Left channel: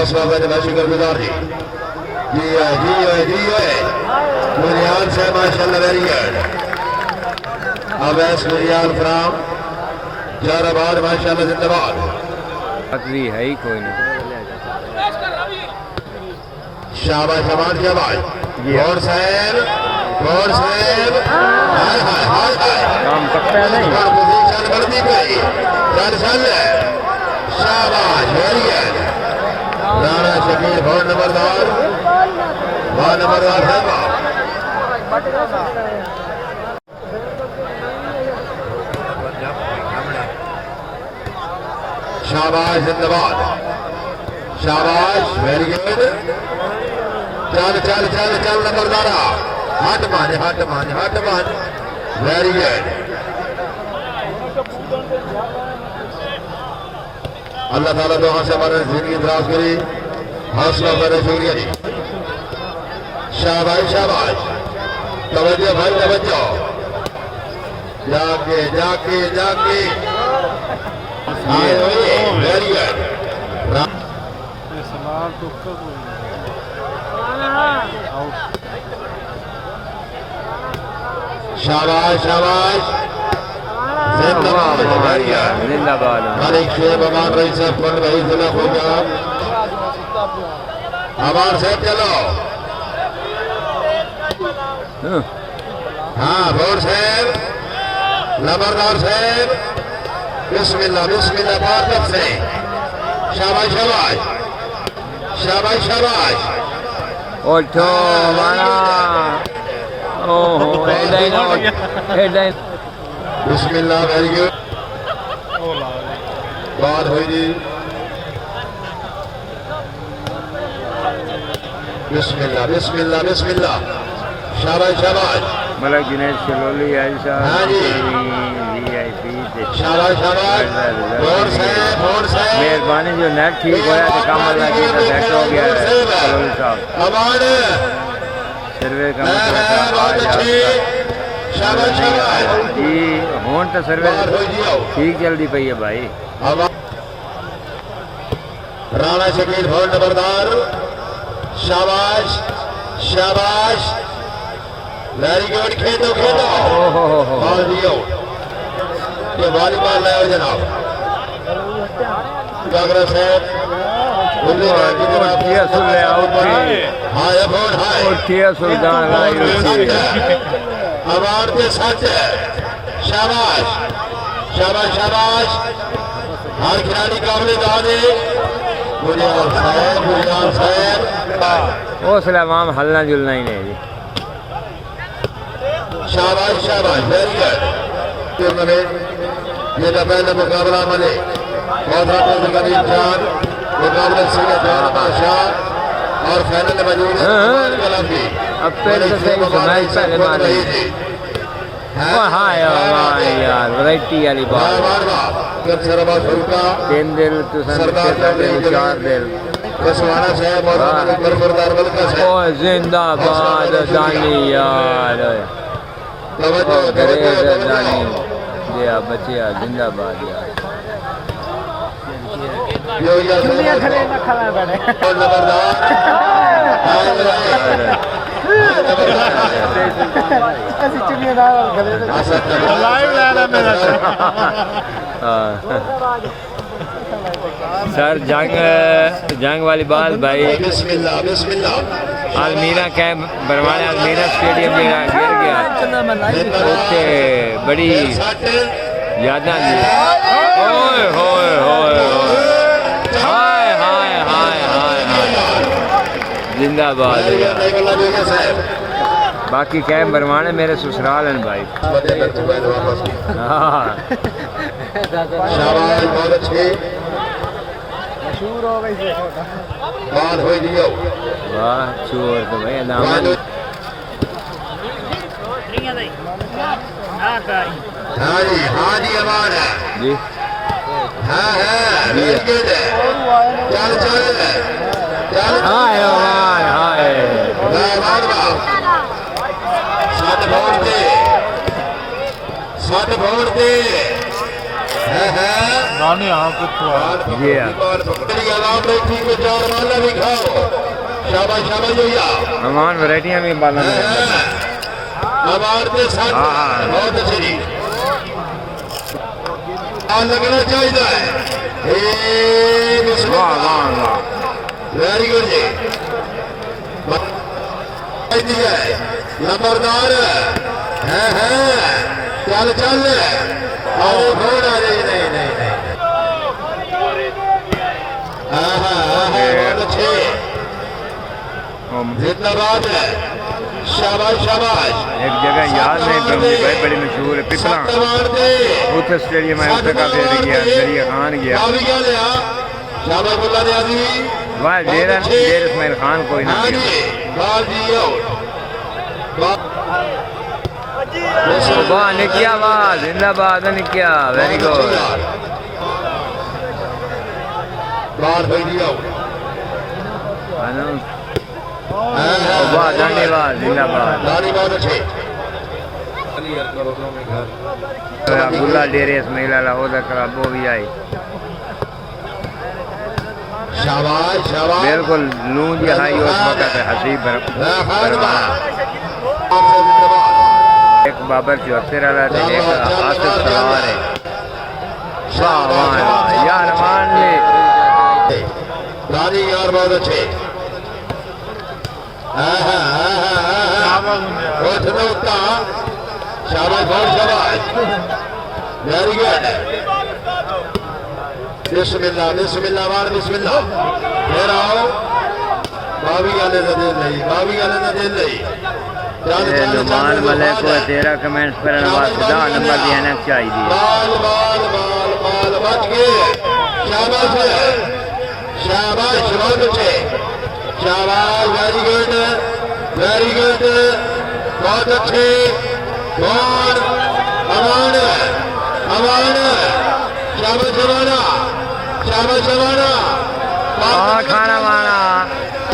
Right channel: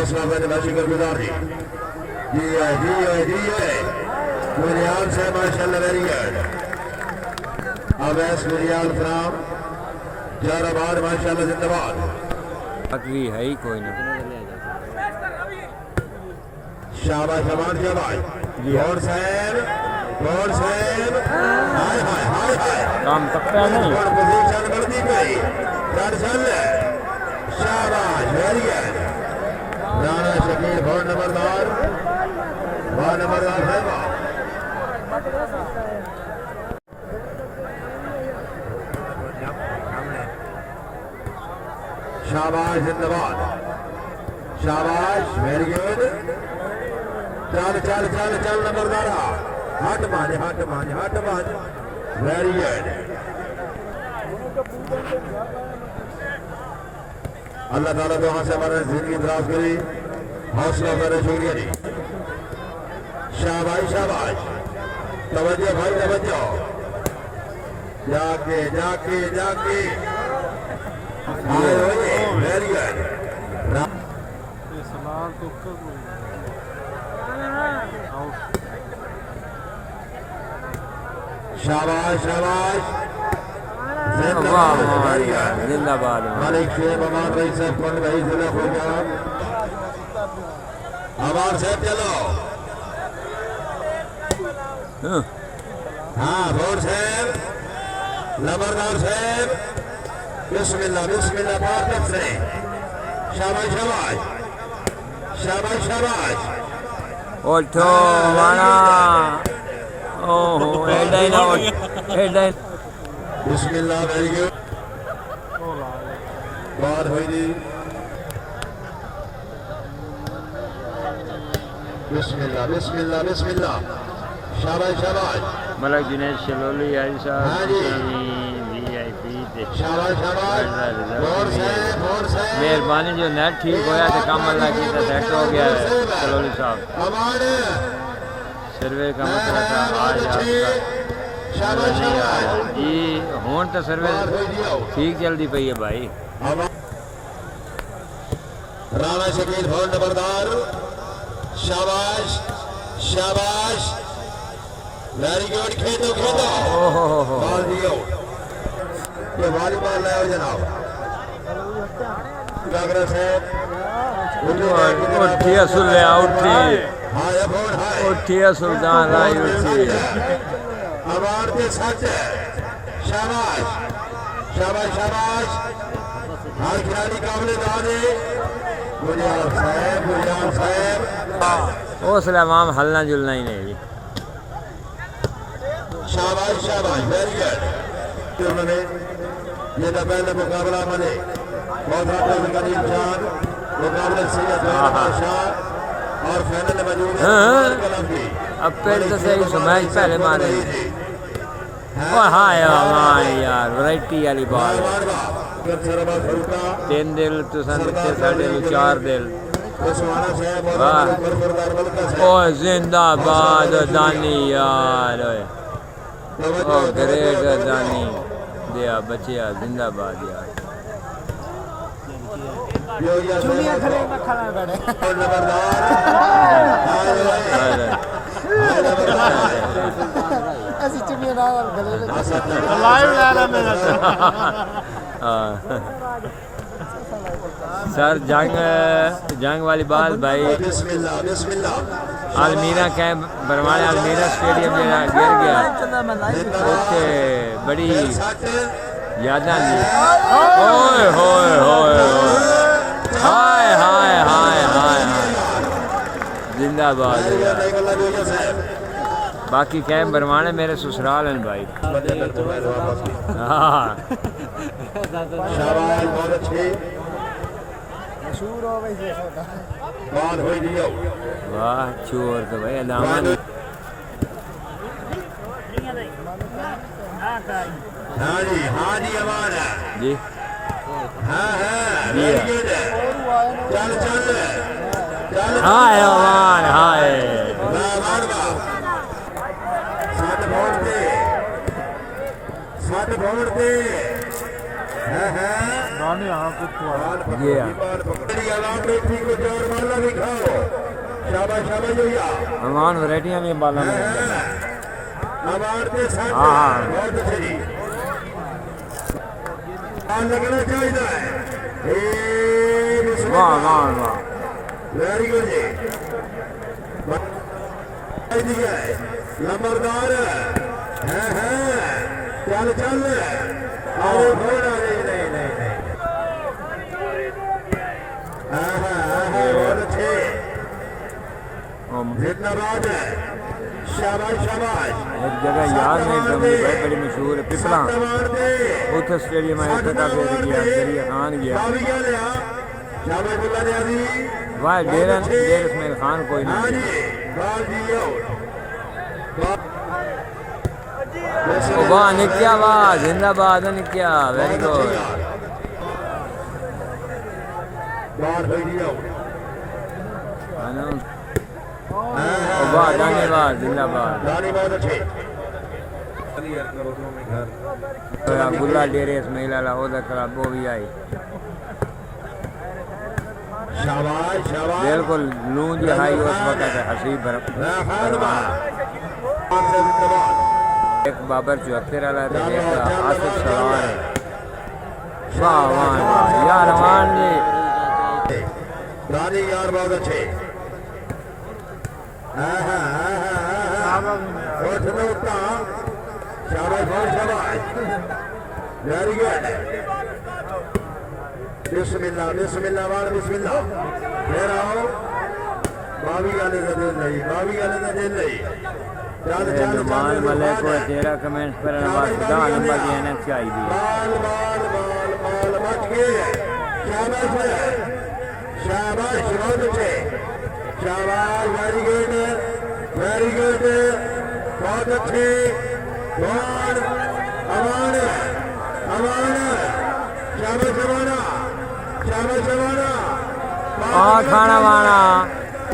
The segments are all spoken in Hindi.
हौसला अफजाई शुक्रगुजार जी। जी है जी है जी है मुरियान से माशाल्लाह वेरी गुड। अवैस मुरियान फ्राम जाराबाद माशाल्लाह जिंदाबाद। भी है ही कोई ना। शाबाश शाबाश शाबाश गौर साहब हाय हाय हाय हाय काम पक्का नहीं पोजीशन बढ़ती गई। चल शाबाश वेरी गुड। राणा शकील बहुत नंबरदार है। शाबाश जिंदाबाद शाबाश वेरी गुड। चल नंबरदारा हट मान वेरी गुड। अल्लाह ताला दुआ से हमारे जिंदगी दराज करी। हौसला बने शुक्रिया जी। शाबाश तवज्जो भाई तवज्जो। जाके वेरी गुड। शाबाश जिंदाबाद। मालिक शेर भगवान रही साहब कौन भाई जिला होगा हमारे से चलो। हाँ भोर साहब नंबरदार साहब बिस्मिल्लाह बात से शाबाश उठो माना। ओहो हेडलाइन बिस्मिल्लाह वेरी गुड। बात हुई जी बिस्मिल्लाह शाबाश मलक दिनेश चलोली आई साहब VIP मेहरबानी जो नेट ठीक होया तो काम अल्लाह की सेट हो गया है। चलोली साहब सर्वे का मसला था आज आपका नहीं आया जी। होन तो सर्वे ठीक जल्दी पई है भाई। राणा शकील बहुत नंबरदार शाबाश वेरी गुड। खेदो ये वॉलीबॉल है जनाब। उठिए सुल्ले उठिए सुल्तान लाई उठी अवार्ड के साथ शाबाश हर खिलाड़ी काबिल दादे मुरियान साहब हौसला माम हलना जुलना ही नहीं जी। शाबाश वेरी गुड। ये तो पहले मुकाबला मने मुकाबला और फाइनल में मौजूद है। अब पहले तो सही मैच पहले मारे। हाँ यार वैरायटी वाली बात। 3 दिल तो साढ़े 4 दिल। ओ जिंदाबाद दानी यार। ओ ग्रेट दानी दिया बचिया जिंदाबाद यार। सर जंग वाली बात भाई अलमीरा कैंप बरवाने अलमीरा स्टेडियम जरा गिर गया उत्ते बड़ी यादां जी। ओए होए हाय जिंदाबाद यार। बाकी कैंप बरवाने मेरे ससुराल हैं भाई। हाँ मशहूर हो गई वाह चोर तो भाई दामन जी हाय अमान हाय जी हाँ अमान वैरायटियाँ भी बाला में हाँ हाँ लगना चाहिए वाह वाह वाह वेरी गुड जी नंबरदार है चल चल आओ थोड़ा नहीं नहीं नहीं बहुत अच्छे जिंदाबाद है शाबाश शाबाश एक जगह याद नहीं ब्रह्मी भाई बड़ी मशहूर है पिपला उत्तर स्टेडियम है उत्तर का फिर गया दरिया खान गया वाह डेर इस्माइल खान कोई ना गया वाह निकिया वाह जिंदाबाद निकिया वेरी गुड वाह धन्यवाद जिंदाबाद गुल्ला डेरे इस्माइल वाला ओदा क्लब वो भी आई बिल्कुल लूं जी हाई उस वक्त है हसीब बरवाना एक बाबर 74 वाला थे एक आसिफ सलार है वाह वाह वाह यार मान ले रानी यार बहुत अच्छे वेरी गुड बिस्मिल्लाह बिस्मिल्लाह वार बिस्मिल्लाह फिर आओ बावी गाले ना दिल नहीं बावी गाले ना दिल नहीं नुमान मलिक को 13 कमेंट्स पर वास्ता नंबर देना चाहिए बाल बाल बाल बाल बच गए शाबाश शाबाश बहुत अच्छे शाबाश वेरी गुड बहुत अच्छे कौन अमान अमान शाबाश अमाना शाबाश अमाना खाना वाना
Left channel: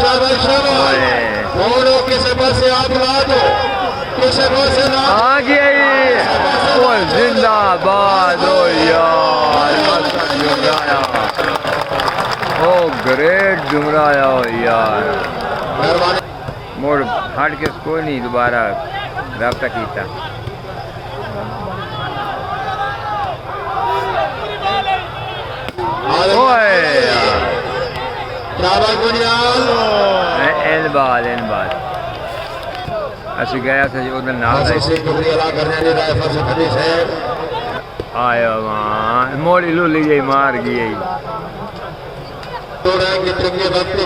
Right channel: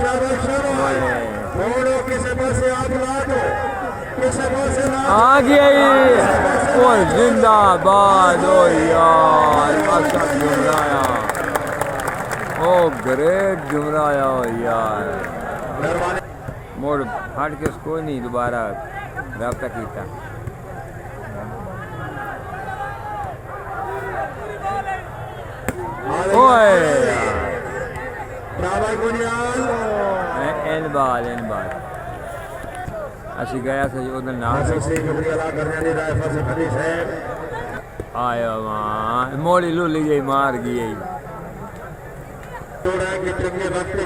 शाबाश शाबाश और किसी पासे आप ला दो किसी पासे ना आ गई ओ जिंदाबाद ओ यार असद जुमराया ओ ग्रेट जुमराया ओ यार मोड़ हट के कोई नहीं दोबारा रब्ता किया ओए यार इन बात असि गया से उधर नाल आयो वहाँ मोड़ी लूली गई मार गई चंगे वक्त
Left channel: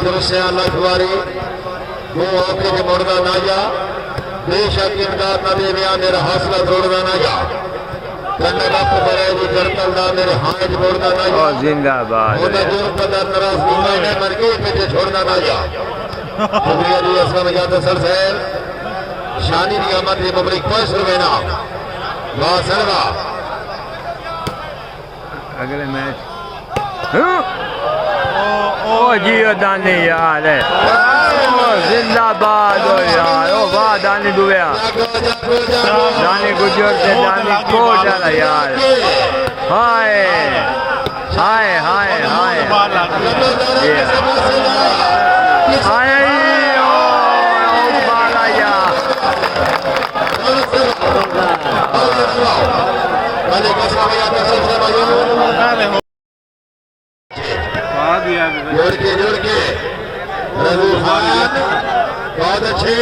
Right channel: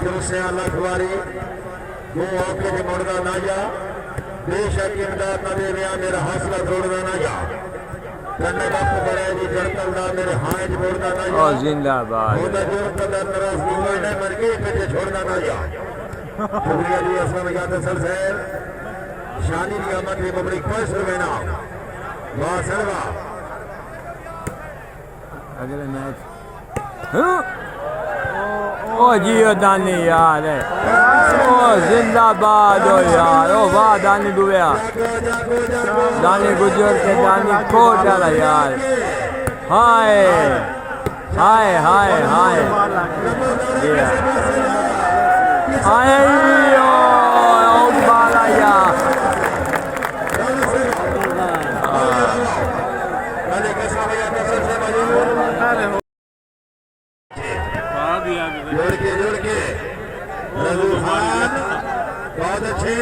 वो आके के मुड़ना ना जा बेशक इमदाद ना दे मेरा हौसला तोड़ना ना जा चंगे वक्त बड़े जो करतल ना मेरे हाथ छोड़ना ना जा जिंदाबाद मर गई पीछे छोड़ना ना जा शुक्रिया जी असलम जाते सर साहब शानी की आमद ये मुबारक 5 रुपए ना वाह सरवा अगले मैच ओ जियो दानी यार है ओ जिंदाबाद हो यार ओ वाह दानी डूबया दानी गुजर से दानी कोट डाला यार हाय हाय हाय हाय हाय ओ बाला यार बहुत अच्छे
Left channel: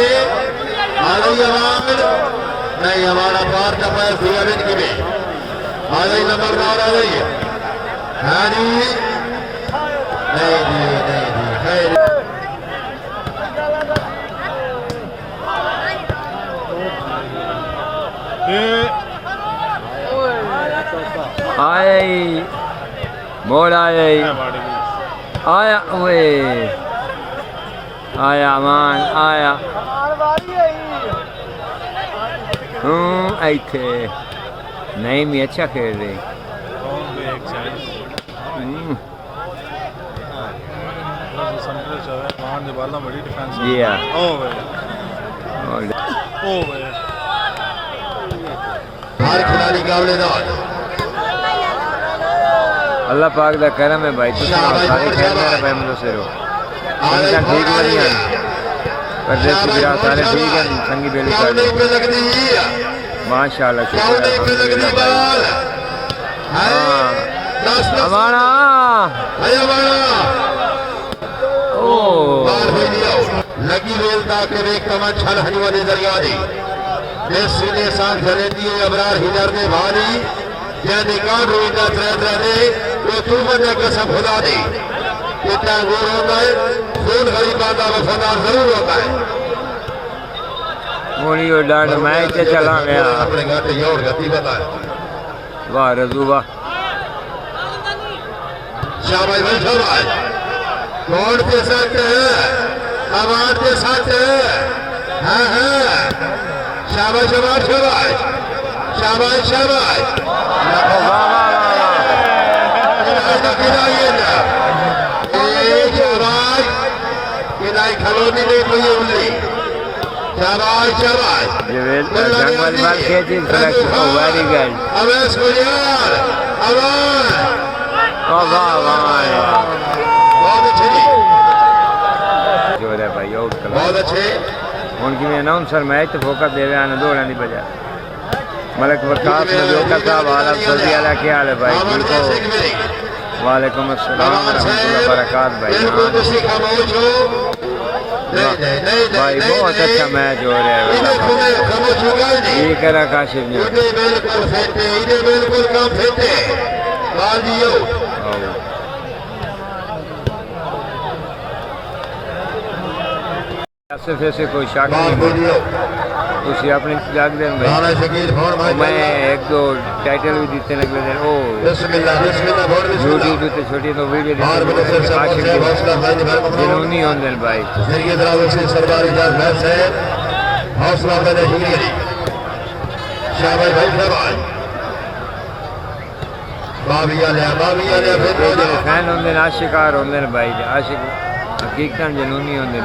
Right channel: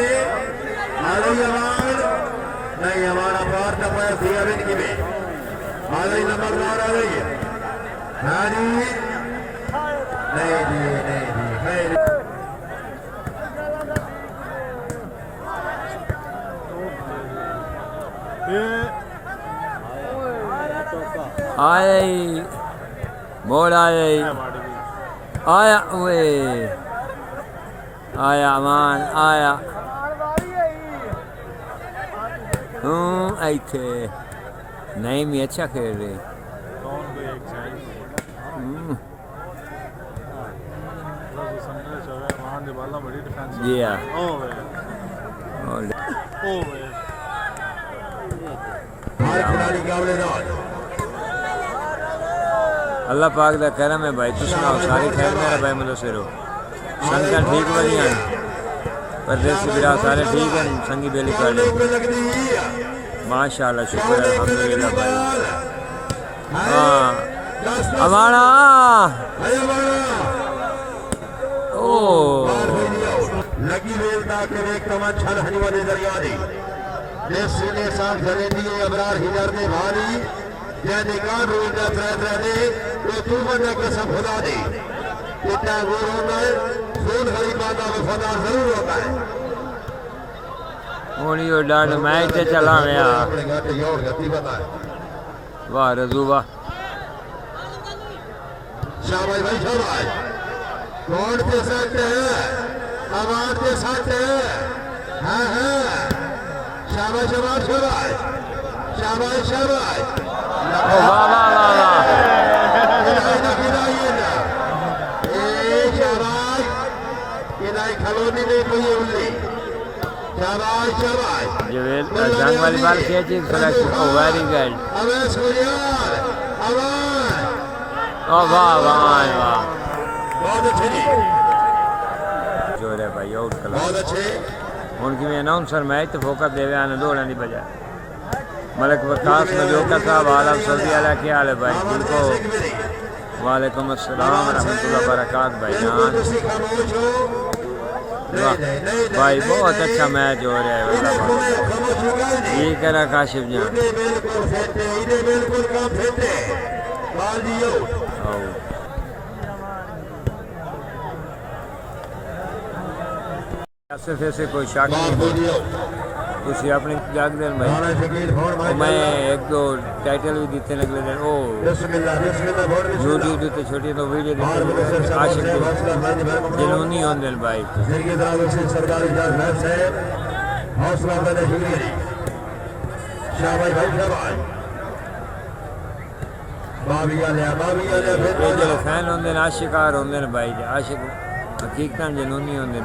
नहीं हमारा पार का पैर दिया की भी आगे नंबरदार आ रही है आए मोड़ आए आया वे आया मान आया ऐथे नहीं मैं अच्छा खेल रही जी हाँ अल्लाह पाक दा करम है भाई, तुम सुनाओ सारी खैर मेरे भाई मुझे सिरो संगत ठीक बढ़िया परदेसी बिरा सारे ठीक हैं संगी बेली काली माशाल्लाह शुक्र है अल्हम्दुलिल्लाह भाई। हाँ अमाना ओ लगी वेलता के एक कमन छल हनी वाली दरियादी देसी ने सांस धरे दिए अबरार हिदर ने भारी ये निकाल रोइंदा त्रे दे वो तुम ने कसम खुदा दी कितना गोर होता है खून गरीबा का वफादार जरूर होता है। मोनी और डांड मैच चला गया वाह रजू वाह शाबाश भाई शाबाश कौन के साथ है आवाज के साथ है हाँ हाँ शाबाश शाबाश शाबाश शाबाश शाबाश ओ वाह वाह वाह वाह खलोनी नहीं कोई उल्ली शाबाश शाबाश जवेल जंग वाली बाल खेची सिलेक्शन ओ वेरी गुड अवेश गुलियार आवाज ओ वाह वाह वाह बहुत अच्छे जो रे भाई आउट कला बहुत अच्छे उनकी में अनाउंसर मैच तो फोकस देवे आने दौड़ने की बजाय मलक वकास मजोका साहब आलम सऊदी अला क्या हाल है भाई ठीक हो वालेकुम अस्सलाम रहमतुल्लाह बरकात भाई भाई बहुत अच्छा मैच हो रहा है अल्लाह ये करा काशिफ जान ऐसे कोई शक नहीं हो तुसी अपनी जाग देन भाई और मैं एक दो टाइटल भी दिते ने अगले दिन ओ यूट्यूब पे छोटी तो वीडियो दिते आशिक दी जनूनी होंदे भाई हौसला मैंने शाबाश भाई शाबाश जेडे फैन होंदे आशिकार होंदे भाई आशिक हकीकतन जनूनी होंदे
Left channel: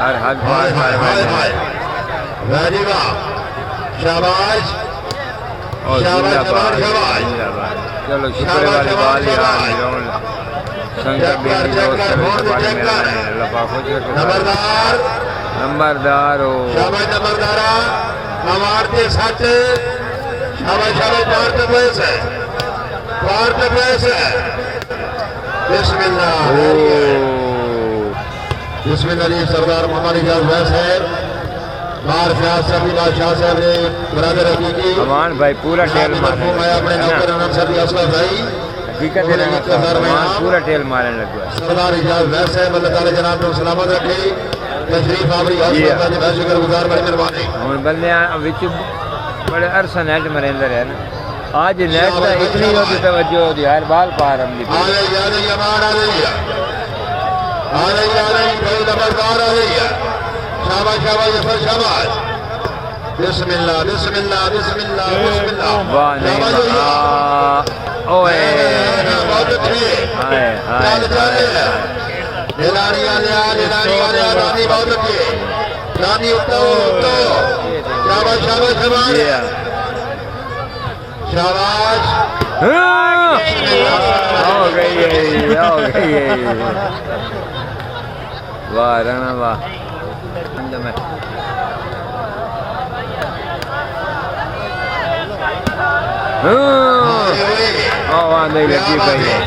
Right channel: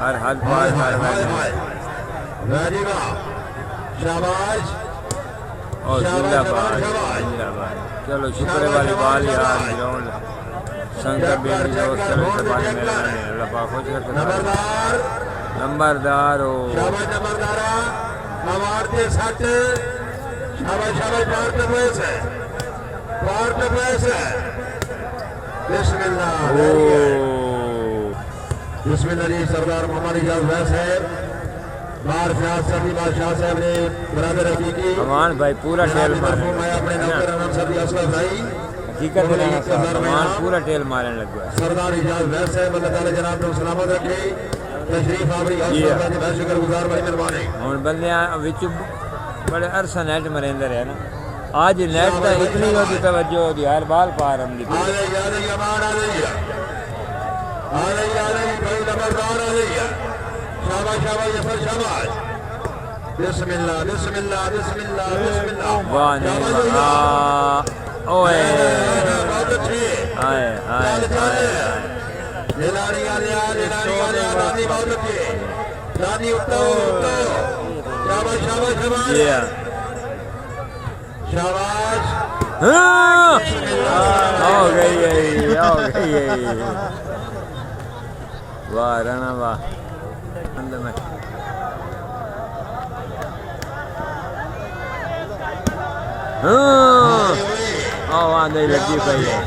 हर हद पार कर बैठे शाबाश और जिंदाबाद जिंदाबाद चलो शुक्र वाली बाल यार ग्राउंड संकर बेटी दोस्त चलो इस बारे मेरा नाम है अल्लाह पाक खुश रखे सारे नंबरदार हो हमारे साथ बिस्मिल्लाह ओ बिस्मिल्लाह सरदार मोहम्मद इजाज वैस है बार फयाज सभी बादशाह साहब ने बरादर हकीकी अमान भाई पूरा टेल मारे हकीकत है ना अमान पूरा टेल मारने लग गया सरदार इजाज वैस है अल्लाह ताला जनाब को सलामत रखे तशरीफ आवरी का शुक्रगुजार बड़ी मेहरबानी हुन बंदे विच बड़े अरसा नेट मरेंदे रहे ना आज नेट का इतनी होती तवज्जो होती हर बाल पार हम दी बिस्मिल्लाह बिस्मिल्लाह बिस्मिल्लाह बिस्मिल्लाह वाह नहीं वाह ओए हाय हाय हाय हाय शाबाश हो गई वाह राणा वाह में वहाँ नहीं लगी भाई है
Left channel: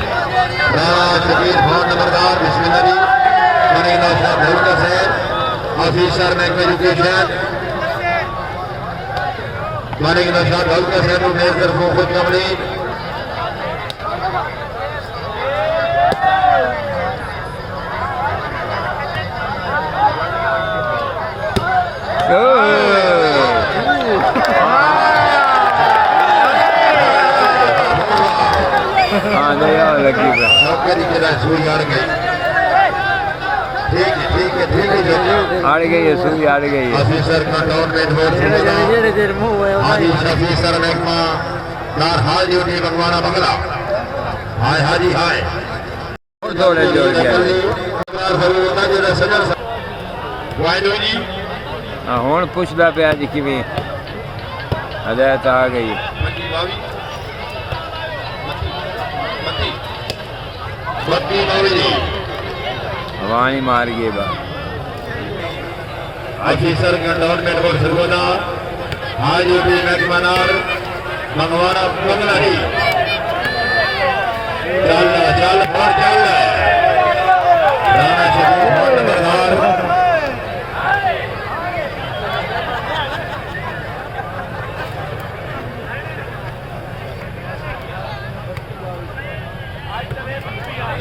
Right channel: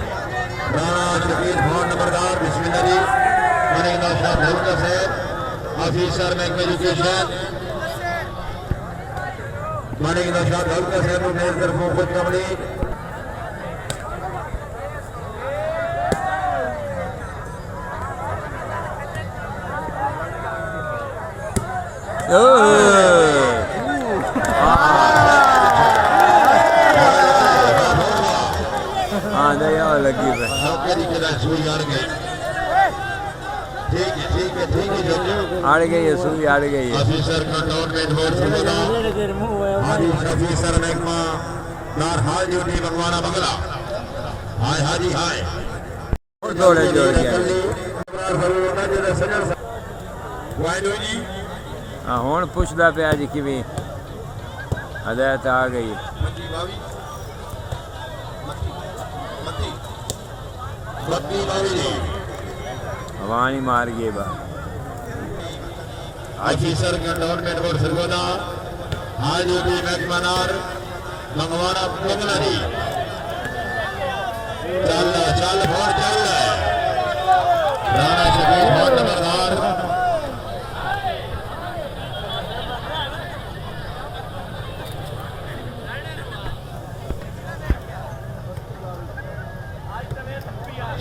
ऑफिसर में एजुकेशन मानिक नशाद हल्का से खुद कंप्लीट हाँ नहीं और लगी ठीक आड़ गई है सुई आड़ गई है ऑफिसर का ऑफिसर महकमा दार हाल ड्यूटी बंगवाना बंगला हाय हाजी हाय और दौड़े जोड़ गया हाँ हूँ पुछदा पे जी किमें हदायत आ गई बत्ती नौरी हवानी मार गई बात हाजी सर कंटोनमेंट को सरगोना हाजी भी मैकमनार मंगवाना बंगलारी चल और चल राणा शबीर बहुत नंबरदार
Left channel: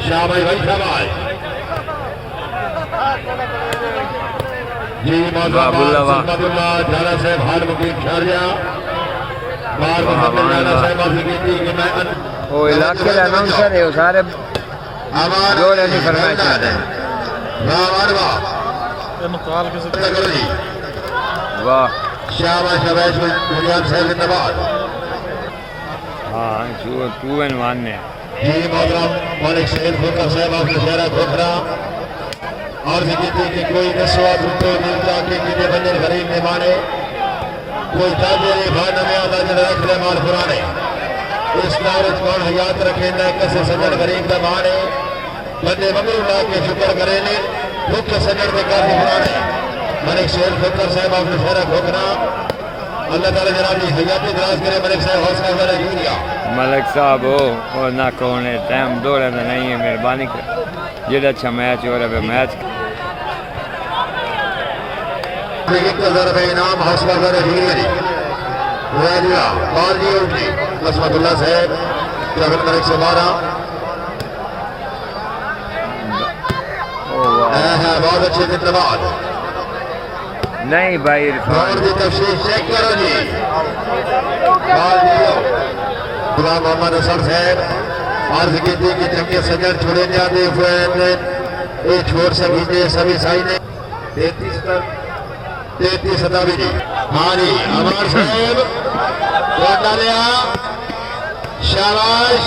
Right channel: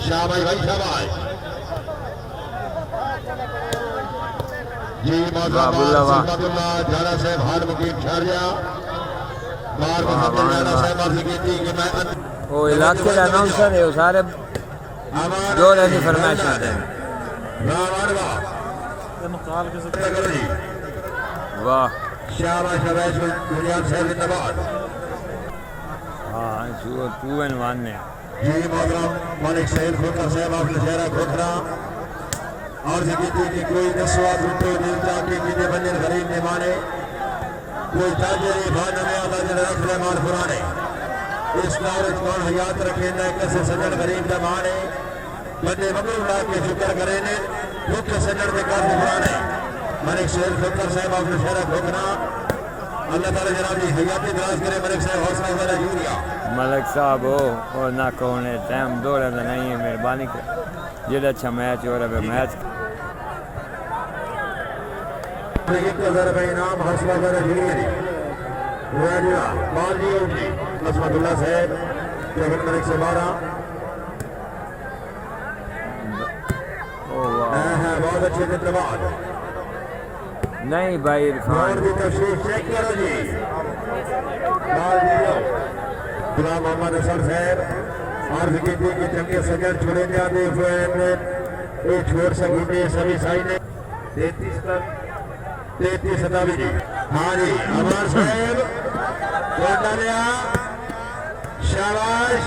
शाबाश भाई शाबाश जी बाबुल्ला वाह झाला साहब हाल मुकीम शारिया बार झाला साहब माफी कीती कि मैं वो इलाके का अनाउंसर है वो सारे जोड़े की फरमाइश दें वाह शाबाश शाबाश गुलजान साहब जिंदाबाद हाँ तू मानने जी मोहतरम मालिक सईद खोखर साहब आपके शहरा खोखरा और कहते कि कोई 10 रुपये मिलता कि कितने बंदे गरीब ने माने कोई ताजे भाई नवे आदर रख ले मार पुराने इस नारज कौन हयात रखे न कसे सदर गरीब दा माने बंदे मगर ला के शुक्र करे ने मुख्य सदर के काफी पुराने मालिक सईद खोखर साहब आपके शहरा खोखरा अल्लाह ताला जनाब की हयात दराज करे मलिक साहब हौसला वाला यूरिया मलिक साहब हो ना कौन टाइम दौड़े तो नहीं है मेहरबानी कर जेड़ा अच्छा मैच हो रहा है मैच इनाम हौसला वाला यूरिया राजिया बाजी उठी असमतुल्लाह साहब जगत मलिक से 12 बहुत अच्छे जिंदाबाद नहीं भाई इरफान की तफसील चेक करो जी गुलाम मोहम्मद असद साहब अर्ज की थी कि चंगे सजर छोड़े जाते ये छोड़ सकी सभी साई ने 33 सतावी जी हाँ जी अमर साहब शाबाश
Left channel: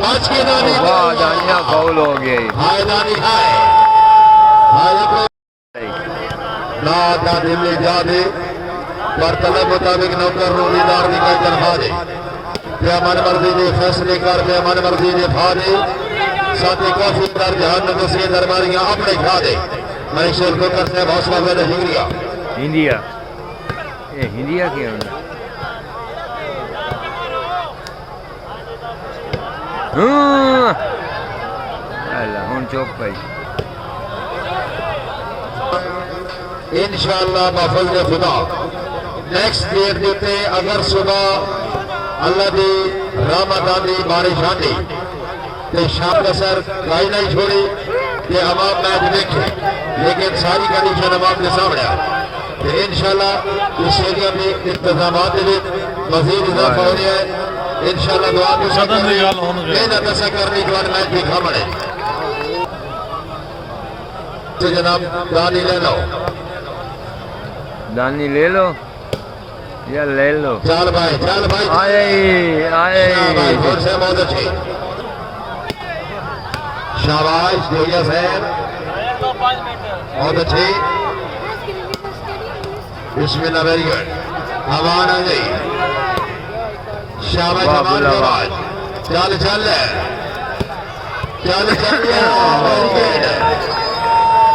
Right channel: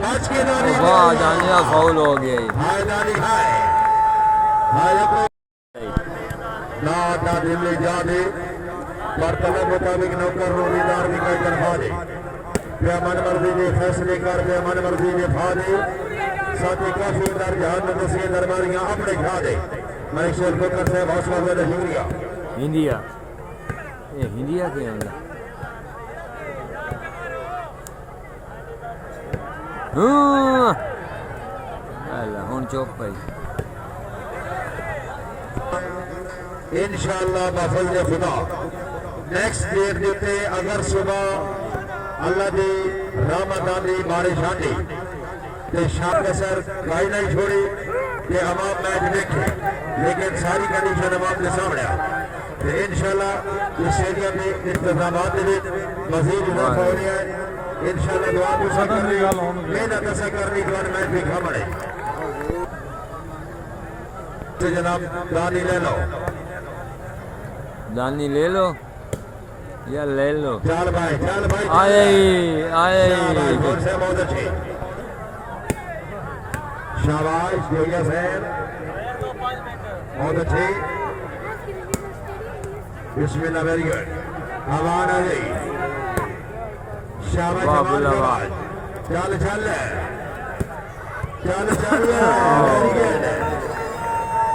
पांच के दानी वाह दानिया फाउल हो गई हाय दानी हाय ना दिल्ली जा दे पर तलब मुताबिक नौकर रोजीदार की कई तनखा दे क्या मन मर्जी ने फैसले कर क्या मन मर्जी ने फा दे साथ ही काफी दर जहान दूसरी दरबारियां अपने खा दे मैं शेर को करते हैं हौसला मेरे हिंदिया हिंदिया ये हिंदिया क्या होता हूं चौक पाई इंशाअल्लाह बफज़ल खुदा नेक्स्ट डेट देते अगर सुबह अल्लाह दी रहमत आंदी बारिश आंदी ते शाम का सर गाई नहीं छोड़ी ते अवाम मैच देखे लेकिन सारी कंडीशन अवाम के सामने तो इंशाअल्लाह इस स्टेडियम में इंतजामात मजीद इजाफा हो रहा है इंशाअल्लाह दुआ के साथ मेहनत ऐसा करने के बाद मैच देखा पड़े तो जनाब दानी ले लो दानी ले लो या ले लो चल भाई आए बहुत अच्छे शाबाश जोया साहब बहुत अच्छे बिस्मिल्लाह वेरी गुड हवान आ गई शाबाश चल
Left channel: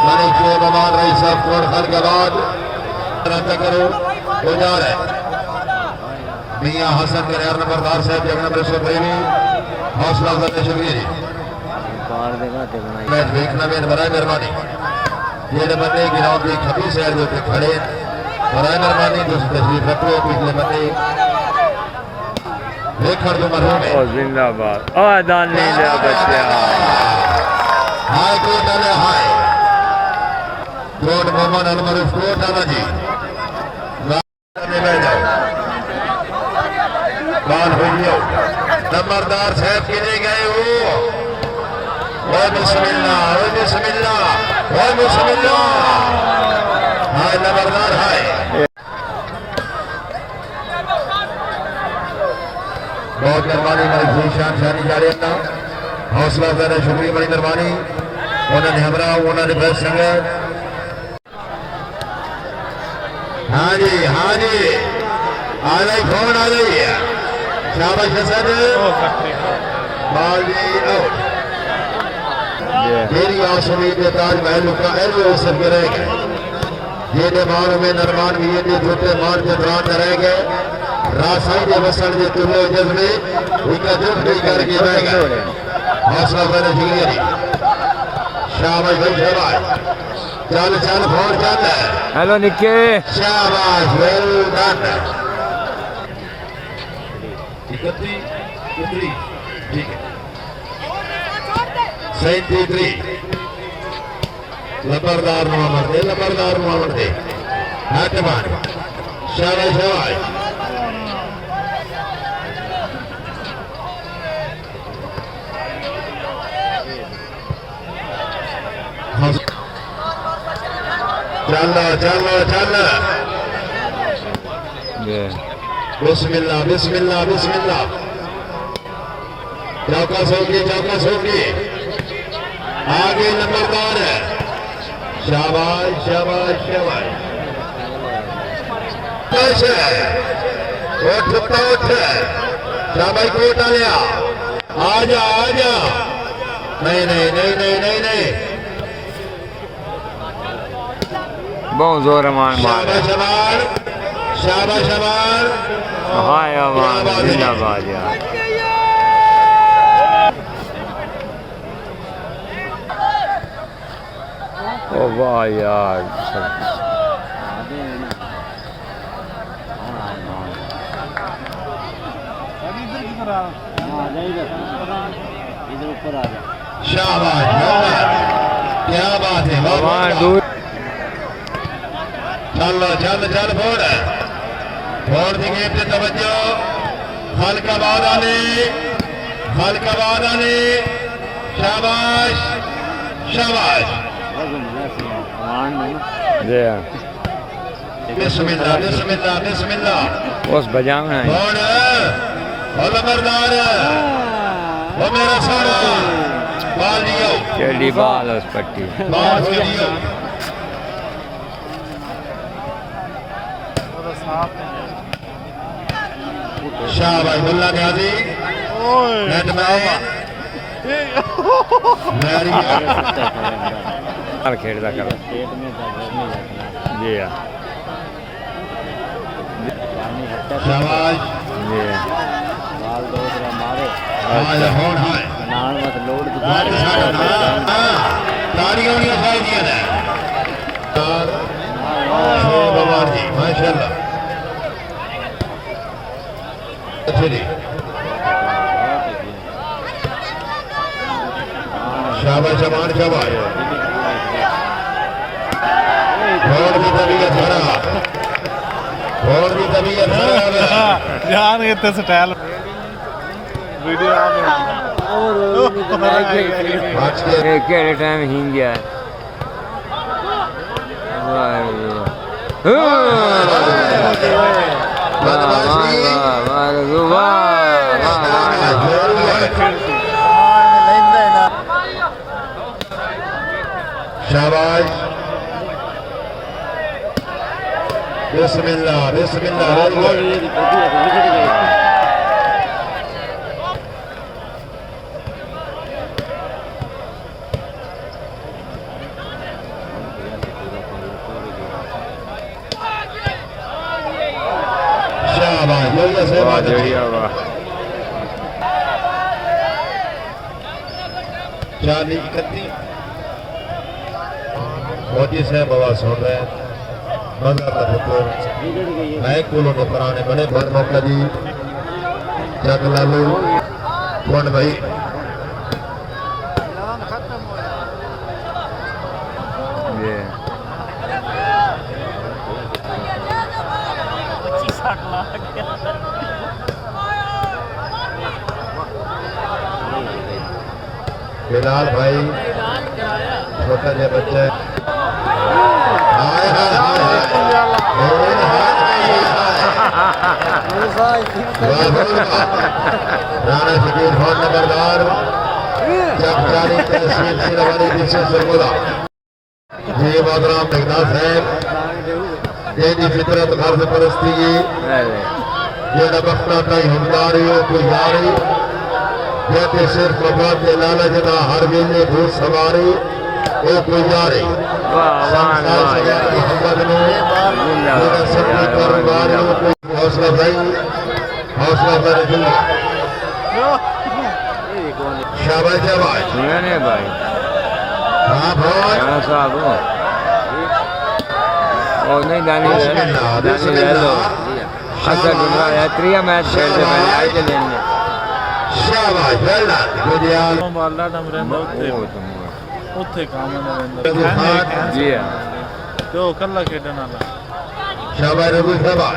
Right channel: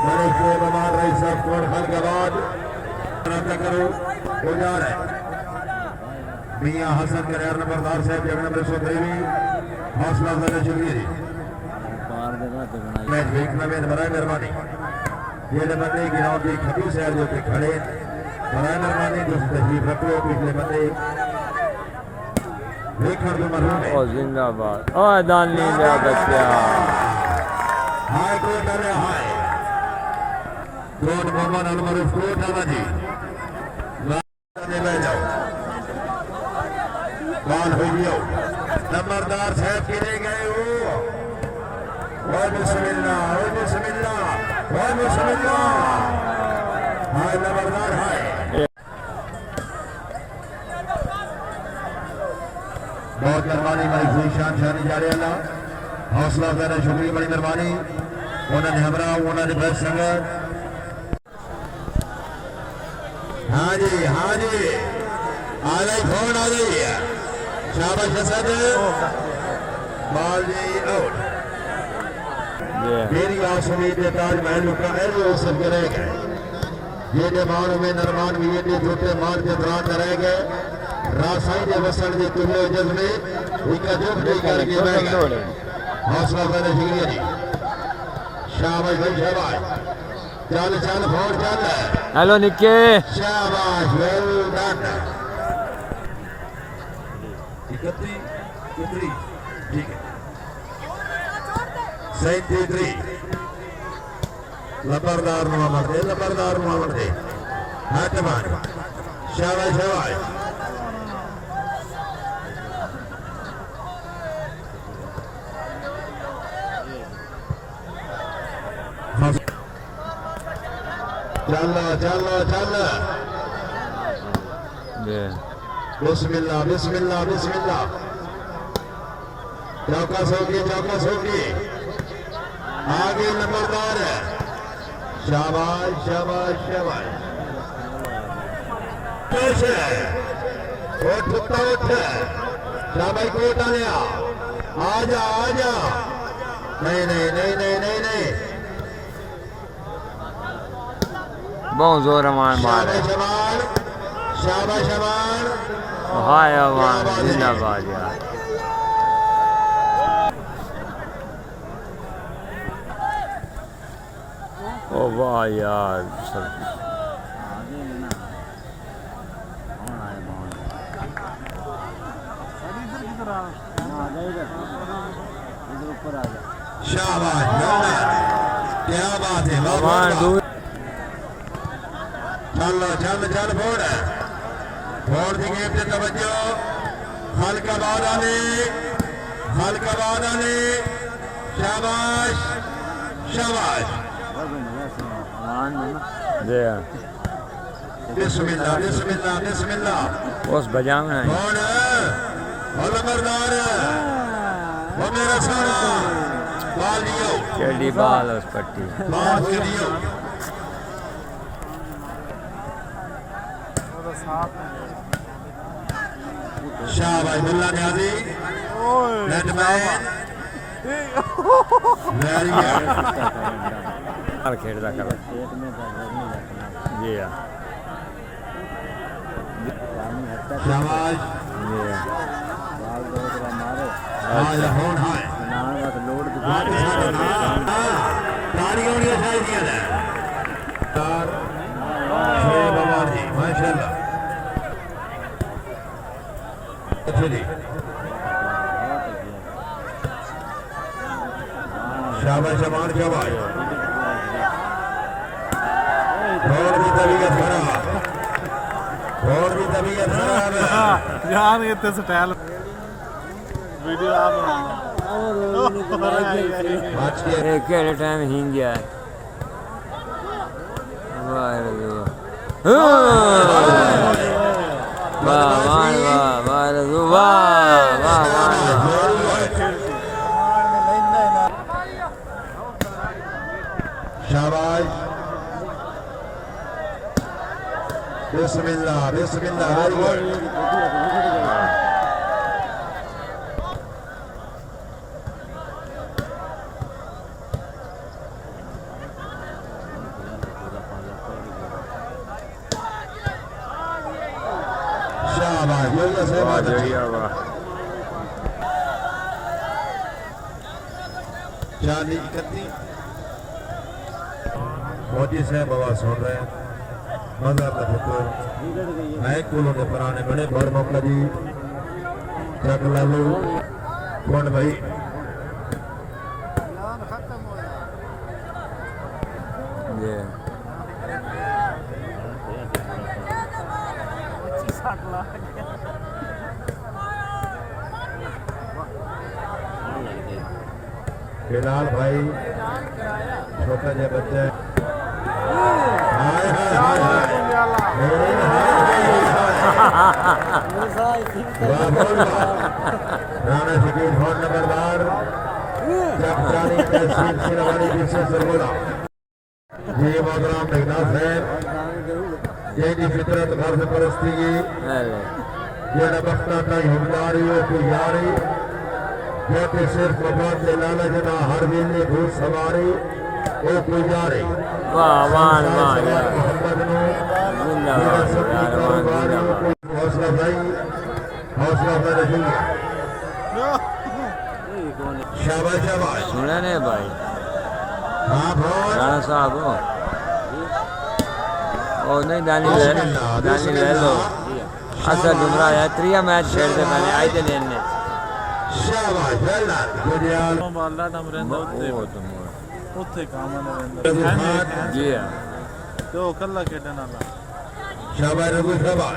मैंने जो मेहमान रही साहब कोट खान के बाद करो गुजार है मियां हसन के नंबरदार साहब जगह नंबर 123 हौसला करने शुक्रिया जी मैं देखना में बड़ा मेहरबानी ये बंदे ग्राउंड की खबी साइड के ऊपर खड़े बड़ा मेहरबानी दोस्त तशरीफ रखो पिछले बंदे देखकर जो मरहूम है ओ जिंदाबाद ओ दानी ले बच्चा हाय कोट वाले हाय कोट मोहम्मद अनवर कोट वाला जी नंबरदार साहब गिरे गए हो बिस्मिल्लाह हाँ नंबरदार है बहुत मेहरबानी मेरी शान शानी जा रही है हौसला अफजाई शुक्रिया बड़ी मेहरबानी उन्होंने हमरा उन्होंने बस संगत हाँ जी आ रही फोन आ रही है शाबाश हसन बाल जी मेरी आसमी के ताजमहल का एलो सब रह गए ये मान में नरमान भी ये छोटे मान के दौरान रह गए रासाई के बसर के तुल्लो जज्बे इनका दुख नहीं करके रह गए हौसला बने जिगरी शाबाश भाई शाबाश चल चल बहुत चल हेलो निक्के शाबाश वेल डन कितनी ठीक है 73 लबरदार मोहम्मद दे नाटमान शाबाश शाबाश चल बिस्मिल्लाह बिस्मिल्लाह बिस्मिल्लाह चौकस होगी आगे नंबरदार है शाबाश शाबाश शाबाश उठ शाबाश कोट आया आजा नहीं बहुत जोर अमान मार है शाबाश हाय अमान जिंदाबाद यार ओ वाह यार इधर ऊपर आ जा शाबाश क्या बात है अमान दूर चल फोड़ दी गेम पे तवज्जो हल्का बाद आने शाबाश बिस्मिल्लाह उस बजाना है नंबरदार वो मेरा सारा बाल दियो चली बाल उस पट्टी बाल दियो शाबाश मुल्ला न्याजी नेटमैन हर खेलता कर पेट में दर्द नहीं रखना जी हाँ पानी हटता शाबाश जी हाँ बाल दो तेरा मारो अच्छा नाल मत लोड ताड़ियों ने उठाई दिया है बाबा जी माशाल्लाह शाबाश जमान शाबाश और भी तबीयत खराब जान इतने स्टाइल वीडियो आ केड़े टाइम हिंग गया शाबाश बिस्मिल्लाह वाह जड़िया वाह चाली 31 मोदी साहब बाबा सुन रहे हैं मजा का हुक्म मैं कोलों के पुराने बने भर मौका जी जग लालू कौन भाई बिलाल भाई छोटा जो बच्चा राणा शकील खान नंबरदार जी मोहतरम जगन्नाथ साहब जी फितरत गर्द परस्ती जी जो बख्ता कई हमदारी कोई यारी जैसे सिर्फ बात के लालच ना हर वेले भूत सवारी वो गुजारे वाह वाह वाह यार जिंदाबाद यार वाह जिंदाबाद हौसला भाई रखिएगा शाबाश शाबाश सुने ने भाई हाँ भाई राणा साहब हो ओ नहीं दानी ले लो असर जुमरा है त्रिया मैच खेलते पहले आए थे लेने शाबाश वेल गुडियाल बाला डम रहंदा ओ तुम ਉੱਥੇ ਕੰਮ ਨਾ ਰਹਿੰਦਾ जी हाँ ਤੇ ਉਹ ਕੱਲਾ ਖੇਡਣ ਵਾਲਾ शाबाश रघु शाबाश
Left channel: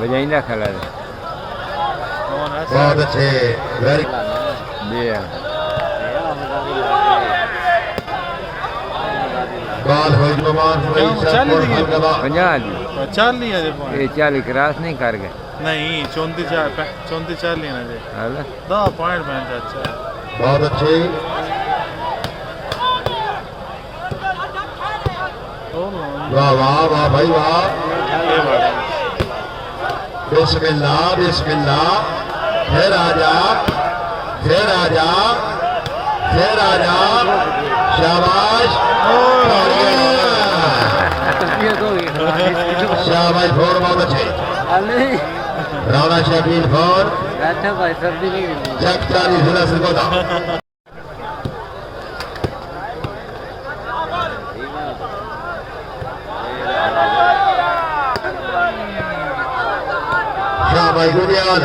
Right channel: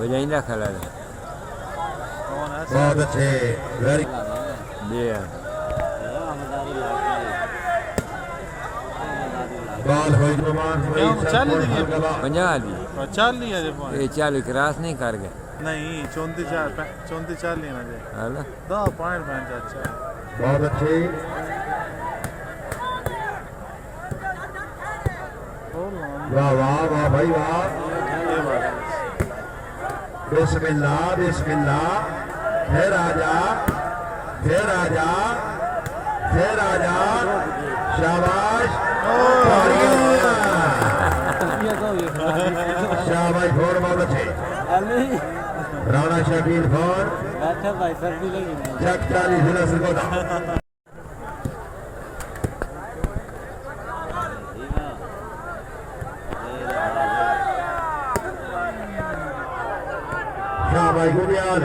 बजाइंदा खड़ा है बहुत अच्छे वेरी जी हाँ बाल हो जमान हुई सब हलवा 50 जी ਚੱਲ ਨਹੀਂ ਅਜੇ point। ये 40 क्रॉस नहीं कर गए ਨਹੀਂ 34 ਚੱਲ ਨਹੀਂ ਨਾ ਜੇ हला 10 ਪੁਆਇੰਟ ਬੈਂਚ ਅੱਛਾ बहुत अच्छे वाह वाह वाह भाई वाह बिस्मिल्लाह बिस्मिल्लाह फिर आजा शाबाश शाबाश फोर बहुत अच्छे राणा शकील फोर भाई सर्दी नहीं चक 40 जिला सिरकोता शाबाश गुडियाल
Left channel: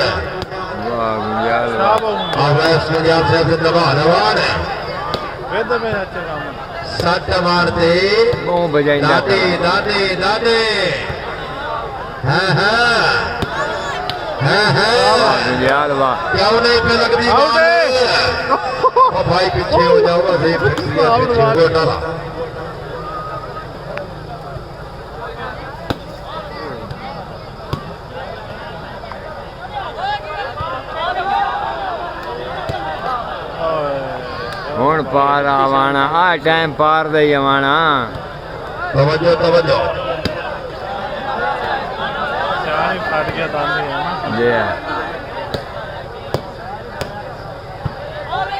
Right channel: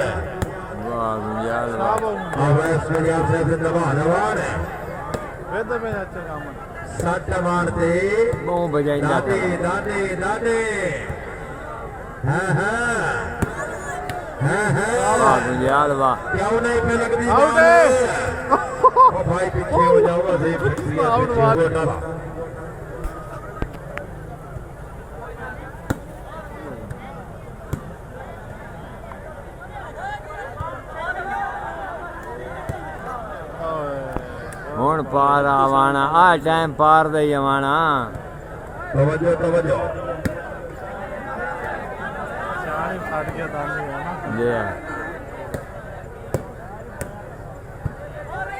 वाह गुंजाल वाह आवाज गुडियाल से जिंदाबाद रवान है ਵੇਦਾ ਮੈਂ ਅੱਛਾ ਕੰਮ सट मारते बहुत बजाइंदा दादे खड़ा दादे दादे हाँ वाह गुंजाल वाह क्यों नहीं पे लगती बाल ओ भाई पीछे हो जाओ देख पीछे हो डाला ਹੁਣ ਪਾਰ ਆਵਾਣਾ ਆ ਟਾਈਮ ਪਾਰ ਦੇ ਆਵਾਣਾ तवज्जो तवज्जो ਚਾਹ ਫਟ ਗਿਆ ਤਾਂ ਨਹੀਂ ਹੈ ਨਾ जी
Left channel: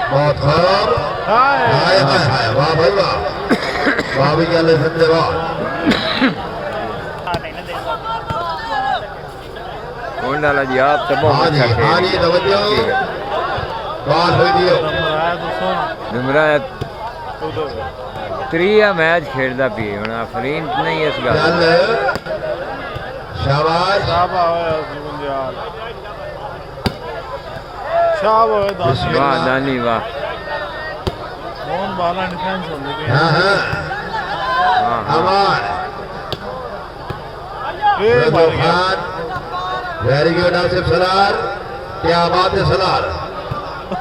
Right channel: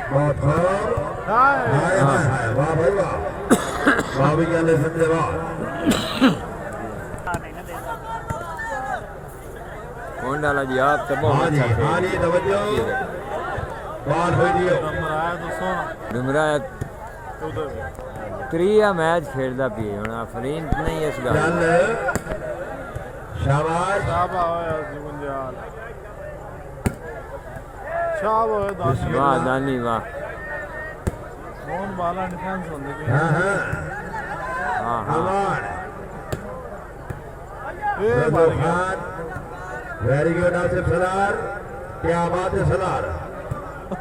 बहुत खराब ਹਾਏ हाय हाय हाय वाह भाई वाह वाह भी क्या ले सकते वाह कौन डाला जी आप तो बहुत हाँ जी अच्छा हाँ खेल जी तवज्जो बाल हो दियो ਮਰਾਇਆ ਦੱਸੋ डुमरा त्रिया मैच खेलता पी हूँ अफरीन नहीं इस गल चल शाबाश ਸ਼ਾਬਾ ਹੋਇਆ ਜੀਵਨ ਦਿਆਲ ਸ਼ਾਬ ਹੋਇਆ ਦਾਸ वाह दानी वाह ਮੋਹਨ ਬਾਲਾ ਡਿਫੈਂਸ ਹੁੰਦੀ ਪਈ हाँ हाँ हाँ हाँ हमार ਇਹ ਮਾਰ ਗਿਆ खान वेरी गुड आसिफ सलार क्या बात है सलार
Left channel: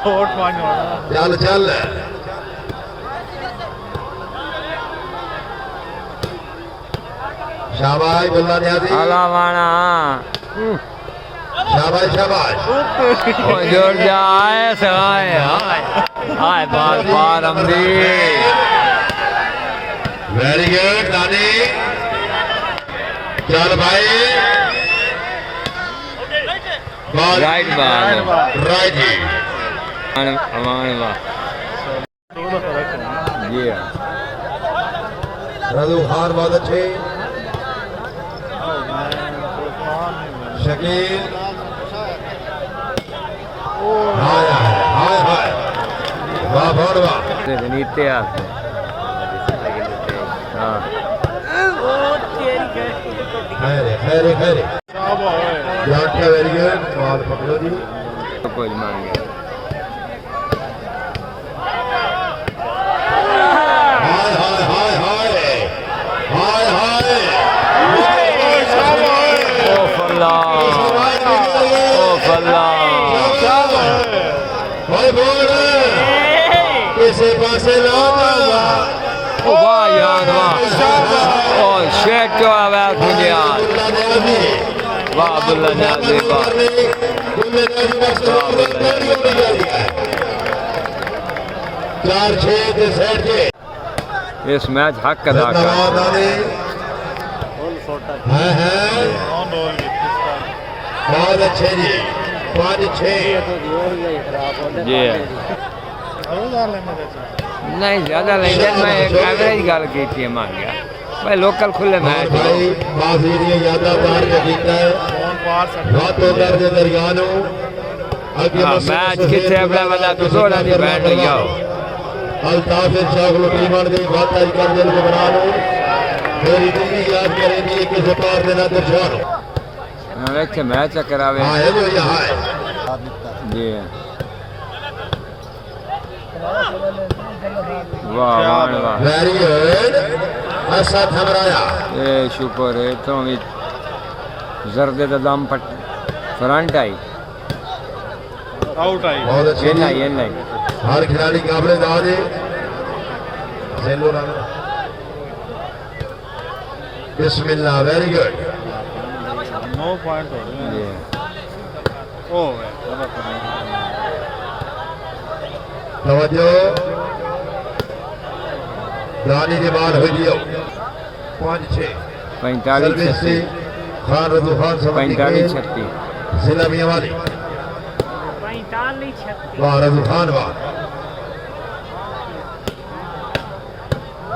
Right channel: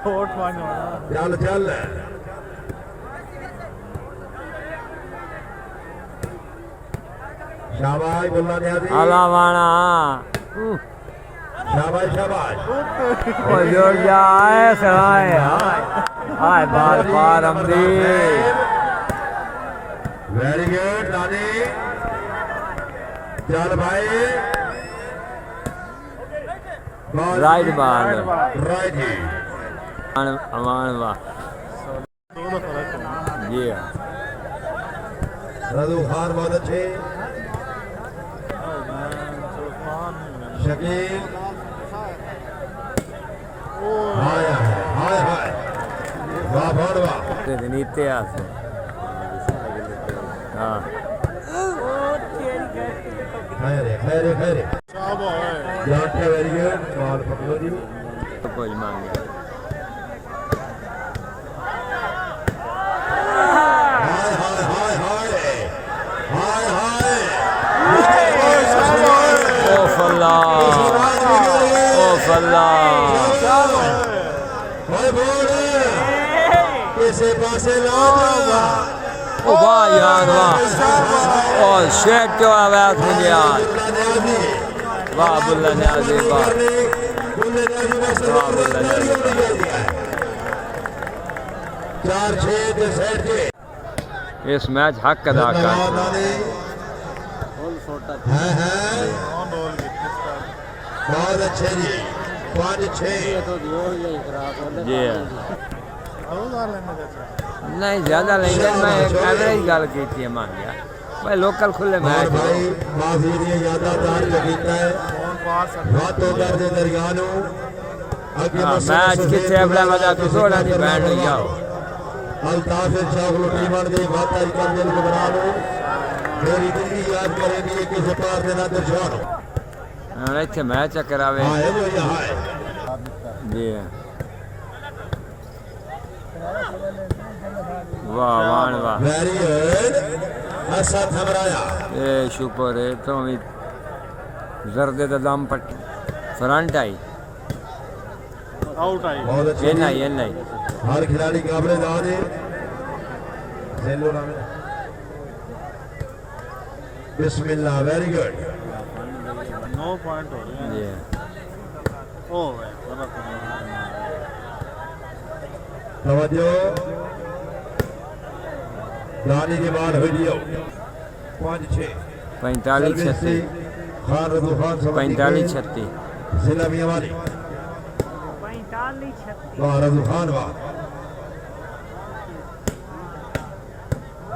ਹੋਟ ਮਾਰ ਹੋਣਾ चल चल शाबाश बुल्ला न्याजी अलावाना शाबाश शाबाश ओ जोर जा आए सगाए हाय हाय बाल पार हमदी वेरी गुड दानी चल भाई राइट बाल राइट जी अमान वाह ਉਹਦਾ ਫਰਕ ਹੋਣਾ जी हाँ रदू हार बहुत अच्छे शकील हाय हाय हाय वाह बहुत वाह ते नीते आसे हाँ खैर खैर खैर ਸ਼ਾਬ ਹੋਇਆ जाके वेरी गुड बाल पकड़ो जी तो कुछ मांग गया हाय हाय हाय हाय हाय हाय ओ फल्ला ओ फल्ला भाई बोल किसी पासे लाओ ओ वाह यार वाह ओ शेट जो आवाज मुझे यार वाह बुल्ला न्याजी वाह वाह बुल्ला न्याजी वाह 4-6 ਦੇ ਸੈਟ ਕੇ इस मैच हक अदा कर फुल छोटा हाँ हाँ ਨੌਨ ਬੋਲ ਕੀਤੀ बहुत अच्छे जी 5-6 तो जोड़ गई खराब होने जी रोज़ लेंगे जैसे नहीं ज़्यादा लेंगे मैं एक एवरेज गल की थी मांग गया भाई लोकल खुले मैच हो बाजी दी यादाबार जगीता है फोन पार सब रातों दर्द दरियानो हाँ मैच कितने अपना बता तो दौड़ा नहीं बैंड हो जाओ अल्ताफ चागलो टीमन दी बात आई कर दिल को बना लो मेरी दिल्ली याद करेंगी किसे पार देना दर्शानो अच्छे मैच करावे हाँ है जो यहाँ है जी वाह वाह वाह वेरी गुड ऐसा थमराया ये शुक्र है तो भी जर्दे दा दम पट फ्रंट आई आउट आई बहुत अच्छी ये नहीं हर खिलाड़ी काबले दाद है सेलो राना बिस्मिल्लाह वेरी गुड 9 पॉइंट हो गए जी ओ तवज्जो रानी के बाद हो दियो 5-6 45 36 खान रजू खान 45 36 जिला मियावाली वाह रजू खान वाह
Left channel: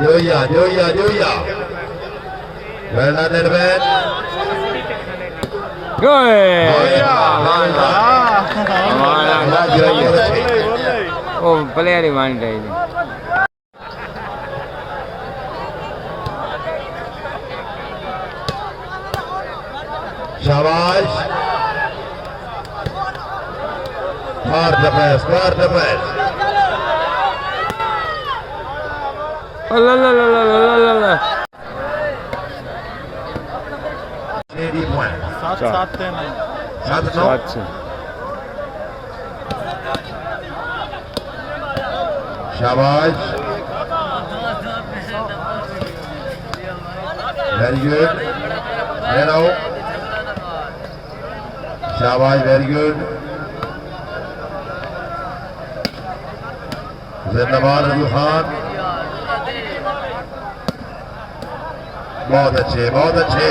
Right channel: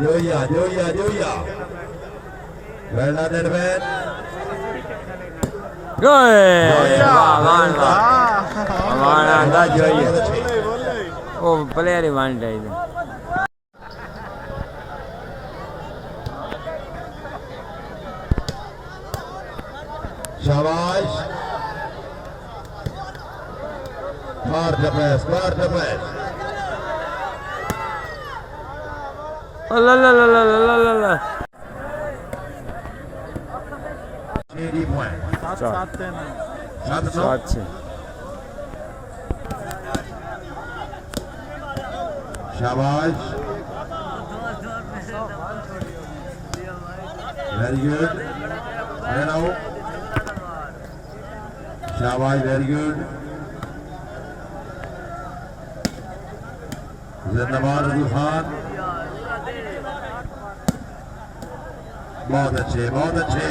जोया वेल डन मैन वाह वाह वाह हमारा अंदाज जो है ओ प्लेयर ही वन है शाबाश मार द पैस ला ला ला ला ला ला ला 80 पॉइंट 7 सात अच्छे शाबाश वेरी गुड हेलो शाबाश वेरी गुड जिंदाबाद रजू खान बहुत अच्छे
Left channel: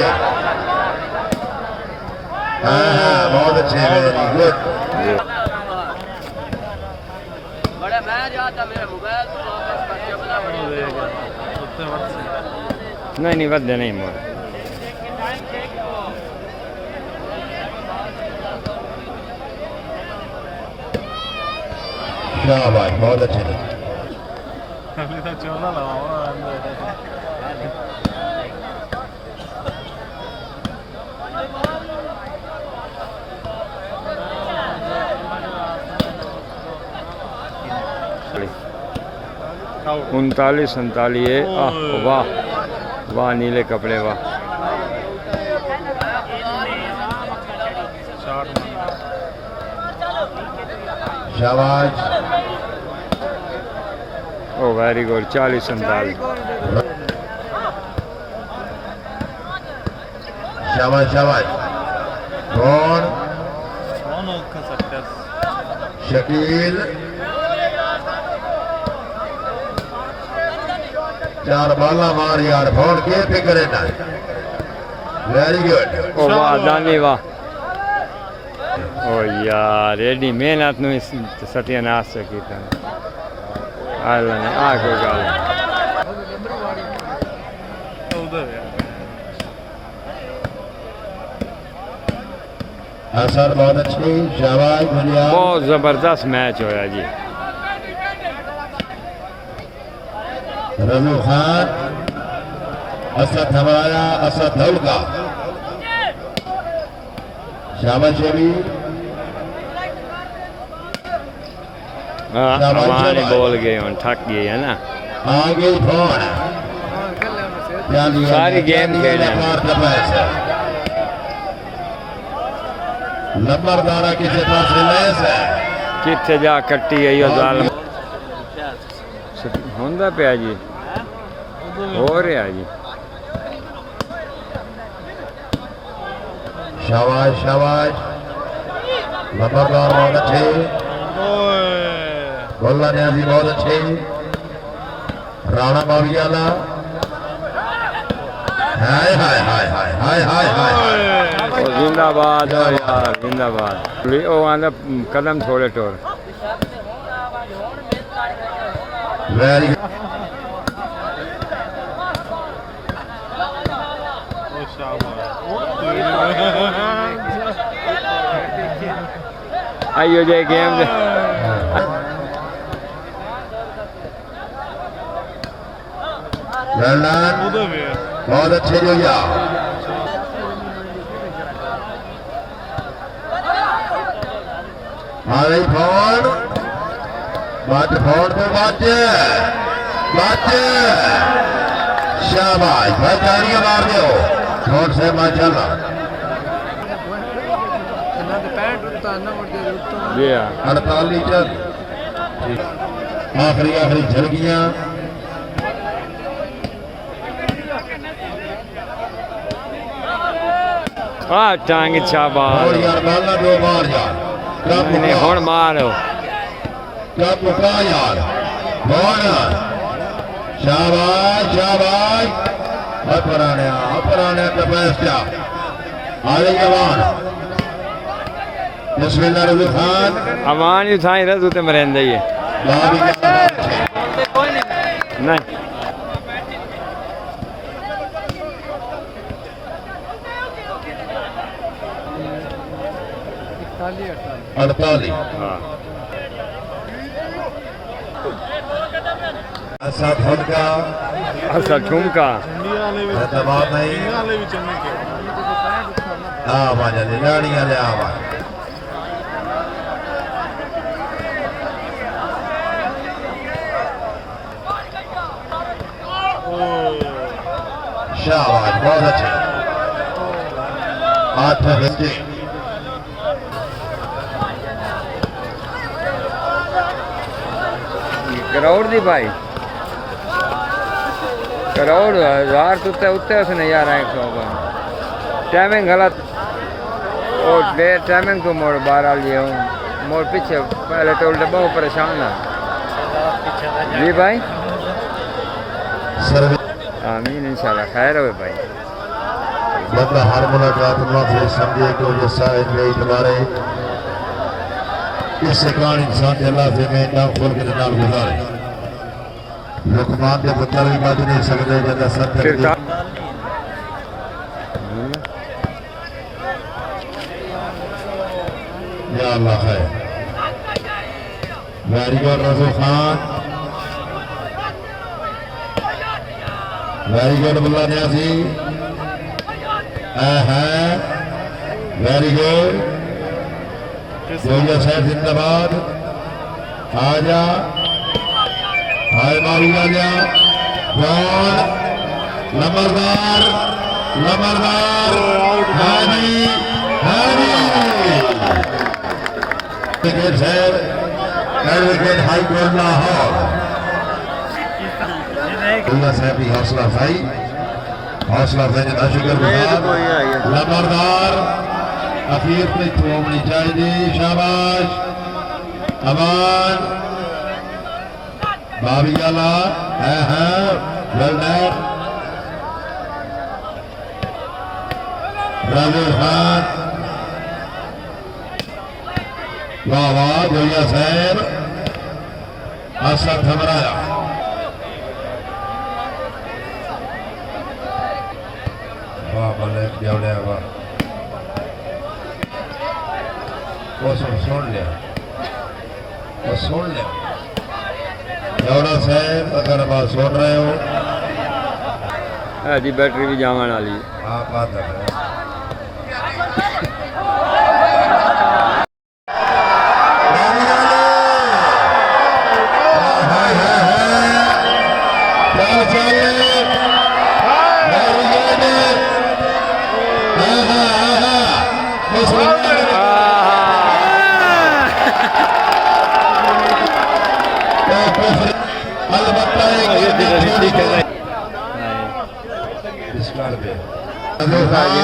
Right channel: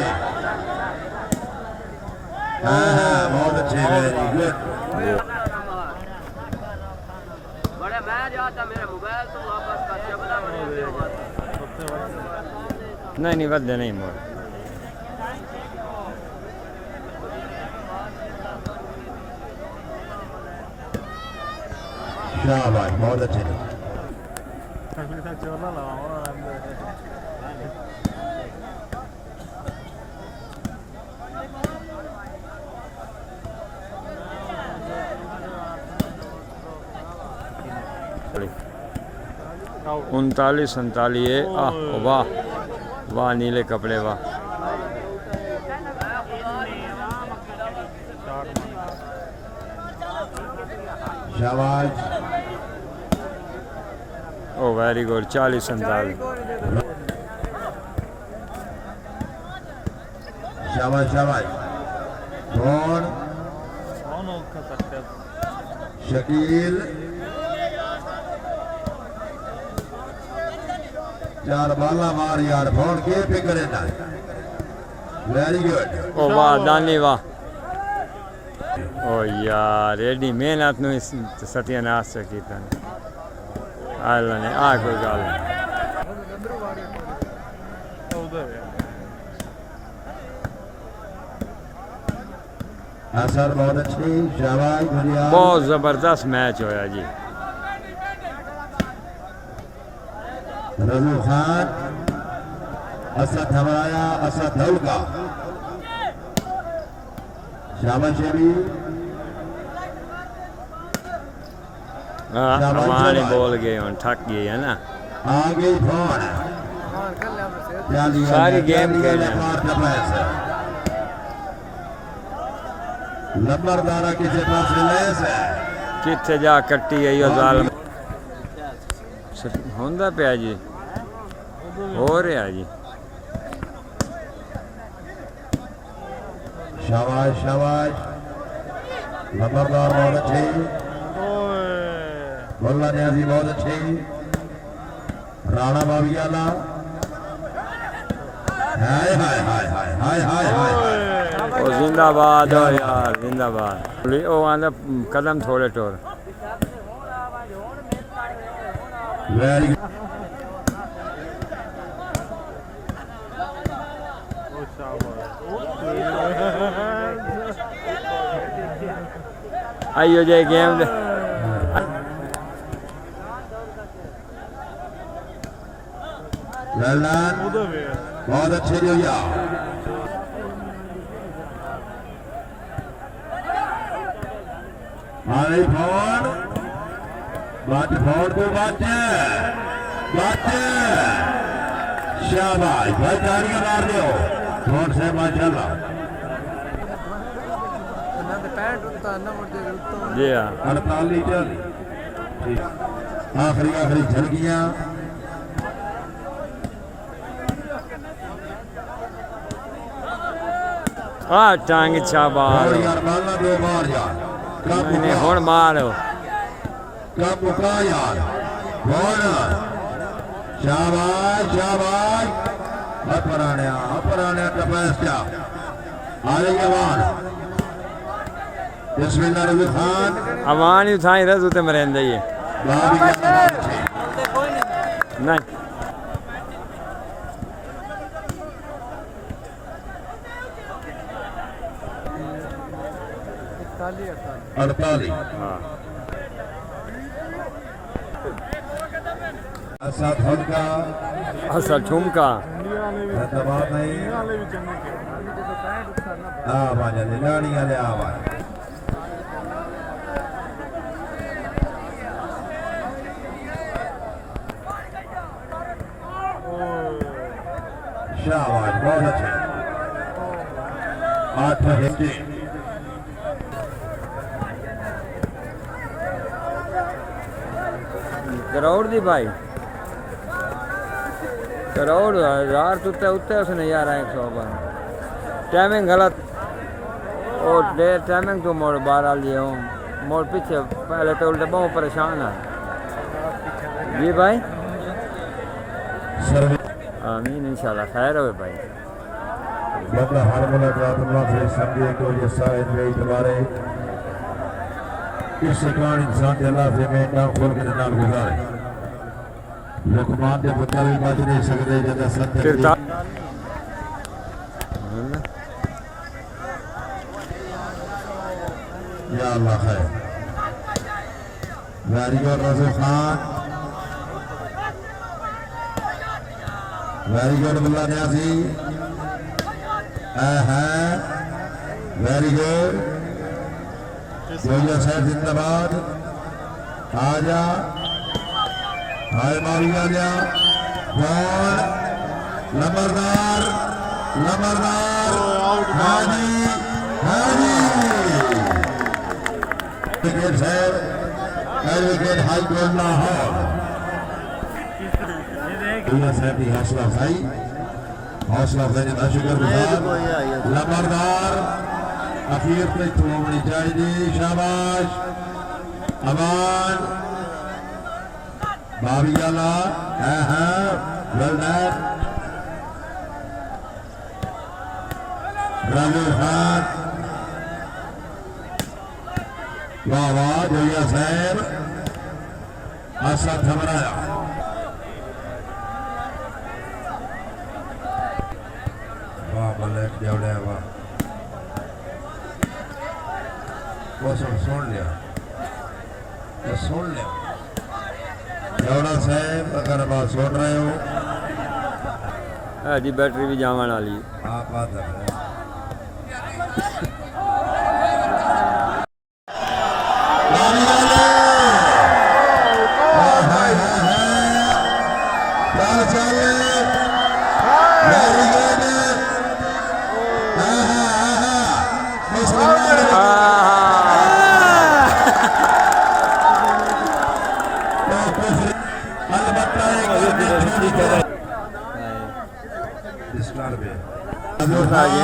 हाँ बहुत अच्छे वेरी गुड नहीं बदले नहीं मोर शाबाश बहुत अच्छे पहले तो चोला लगाओ आउट 39 47 आह वाह वाह नीले कपड़े वाह शाबाश ओ वेरी गुड 40 47 शाबाश कौन कौन का सकता शकील चार बाला मार यार फोन के फिक्र ना वेरी गुड ओ वाह दानी वाह ओ यार एडी मेहनत नु सत्यानाश कीता आला ने आ कोई गल उधर है असर बहुत अच्छी शाबाश बढ़िया बहुत जबरदस्त मैच होया जी रजू खान असद हमारा असद धौलका शाबाश अभी हाँ हमारी बोल गए हम थक गए है ना आगे फोन सारी गेम खेले नंबरदारा किसी पास रिलायंस है कितने जा कट्टी है यो जालम होंदा पिया जी हो रहा जी शाबाश नंबरदार बहुत अच्छे गोल्ला न्याजी बहुत अच्छे राणा मावियाला हाय ओ जिंदाबाद हो यार जिंदाबाद ओ आंदा कदम थोड़े टोर वेरी आइयो जे गेम दे बहुत अच्छे जोया हमारे फोन बात फोन को बात शाबाश भाई तालियां मार दो फोन से माशाल्लाह जी हाँ 48 लीटर आखिरी झलकियां टांग शाबाश यार मारना दो मार यार नहीं हुण मारो क्या पुका यार कौन शाबाश शाबाश अपराने कपास क्या आले जवान बिस्मिल्लाह खान अमान ही थाई रस उते मरेंदे ही नहीं अड़तालीस हाँ ऐसा ठुमका अच्छा ठुमका दबाव नहीं आवाज लाड़ियां ले आवाज शाबाश बहुत अच्छे 8 घंटे करोड़ दी भाई करोड़ हजार तो उत्ते उसने यार 100 टाइमिंग गलत और देर टाइमिंग तो मोड़ 12 लिए हूँ मोड़ पीछे पहले तो उल्टे बहुत परेशान है जी भाई आमीन इंशाल्लाह खैर हो भाई बंदा हर मुलाकात अल्लाह से समझे को जो शायद में तुम्हारे इस कारण इंसान के अल्लाह से मैं नाम खोल के नाम गुजारे लुकमान के पुत्र भी बच नहीं सकते जैसा सत्य फिर का या अल्लाह है वेरी गुड रसूल खान वेरी गुड बुल्ला न्यासी वेरी गुड जोया साहब जिंदाबाद आजा हाय मारी आजा बॉल लंबरदार हाजी विकेट है wicket high court Lahore Zoya साहब की हौसला अफजाई का शुक्रगुजार लंबरदार अखीर पे होनी चाहिए शाबाश अमान बाबी वाला राजू खान वाह वाह जोया साहब असद थमराया वाह मलिक जवड़े वाह वो सुन लिया जवड़ा साहब अगर बात सुन रहे हो जी बैटरी भी जावन वाली हाँ बात है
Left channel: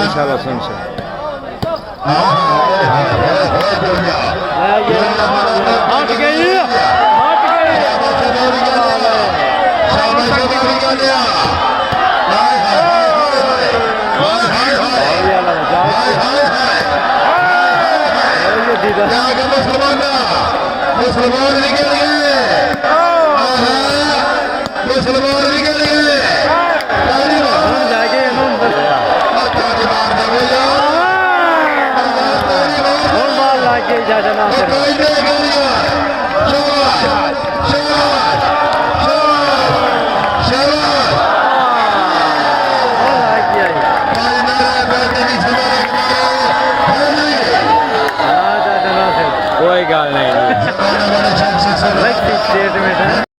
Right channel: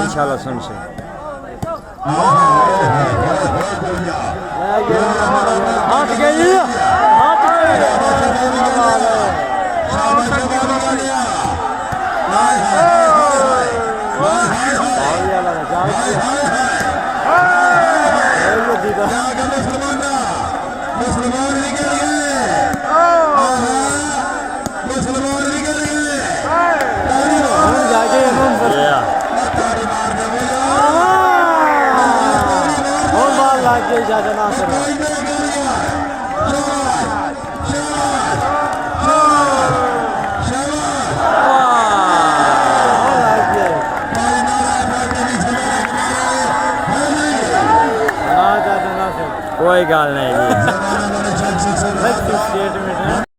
इंशाल्लाह सुन से मुसलमान भी गए जाके लाके जा जाना कोई गल नहीं स्टेट में